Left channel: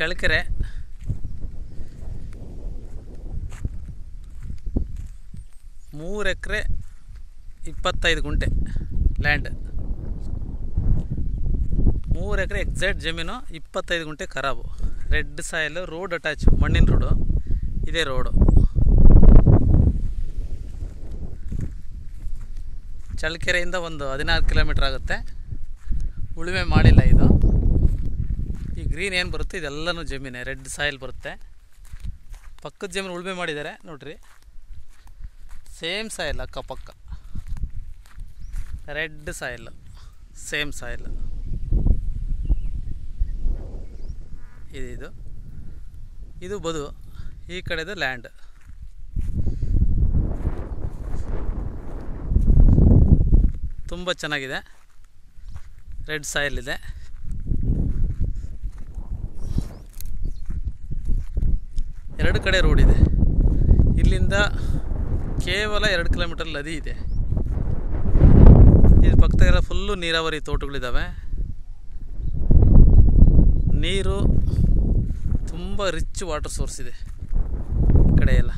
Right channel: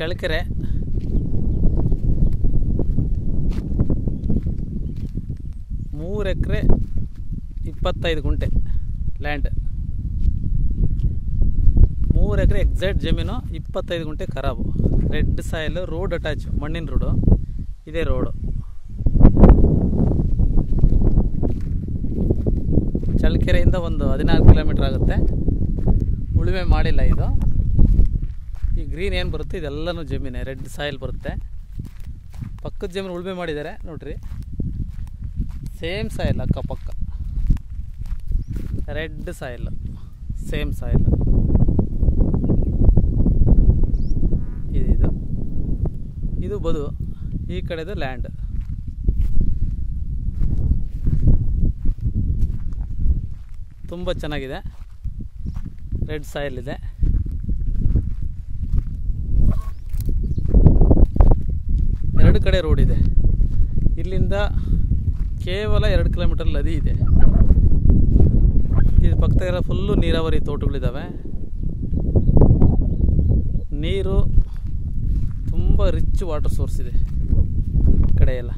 ಚಳ್ಳಕೆರೆ ಮೂರು ಎಕರೆ 25 ಗುಂಟೆ ಲ್ಯಾಂಡ್. 3 ಎಕರೆ ಎಕ್ಸಾಕ್ಟ್ ಜಮೀನು, 25 ಗುಂಟೆ ಖರಾಬು. ರೆಡ್ ಸಾಯಿಲ್, ರೋಡ್ ಅಟ್ಯಾಚ್, ಮಣ್ಣಿನ ರೋಡು. ಇದೇ ರೋಡು. ಚಳ್ಳಕೆರೆಯಿಂದ ಒಂದು 16 ಕಿಲೋಮೀಟ್ರ್ ಆಗುತ್ತೆ. ಉಳುಮೆ ಮಾಡಿಲ್ಲ ಇದು. ಈ ಗ್ರೀನ್ ಏನು ಬರುತ್ತೆ ಇದೆಲ್ಲನೂ ಜಮೀನೇ, ರೆಡ್ ಸಾಯಿಲ್ ಬರುತ್ತೆ. ಪಕ್ಕದ ಜಮೀನು ಉಳುಮೆ ಮಾಡಿದ್ದಾರೆ ನೋಡ್ರಿ, ಸೇಮ್ ಸಾಯಿಲ್ ಅಕ್ಕಪಕ್ಕ, ರೆಡ್ ಸಾಯಿಲ್, ಸೇಮ್ ಸಾಯಿಲ್. ಇದು ಬದು, ಈ ಕಡೆದು ಲ್ಯಾಂಡ್. ತುಂಬ ಚೆನ್ನಾಗಿದೆ, ರೆಡ್ ಸಾಯಿಲ್ ಇದೆ. ಎರಡು ಕಡೆ ರೋಡ್ ಇದೆ. ಇಲ್ಲಿಂದ ಕೇವಲ 2 ಕಿಲೋಮೀಟರ್ ನದಿ ಇದೆ. ಇದು ಪಕ್ಕದಾಗೆಲ್ಲ ಫುಲ್ಲು ನೀರಾವರಿ ತೋಟಗಳಿದ್ದಾವೆ. ನೀರು ತುಂಬ ರಿಚ್ ವಾಟರ್ ಸೋರ್ಸ್ ಇದೆ ಈ ಕಡೆ ಎಲ್ಲ.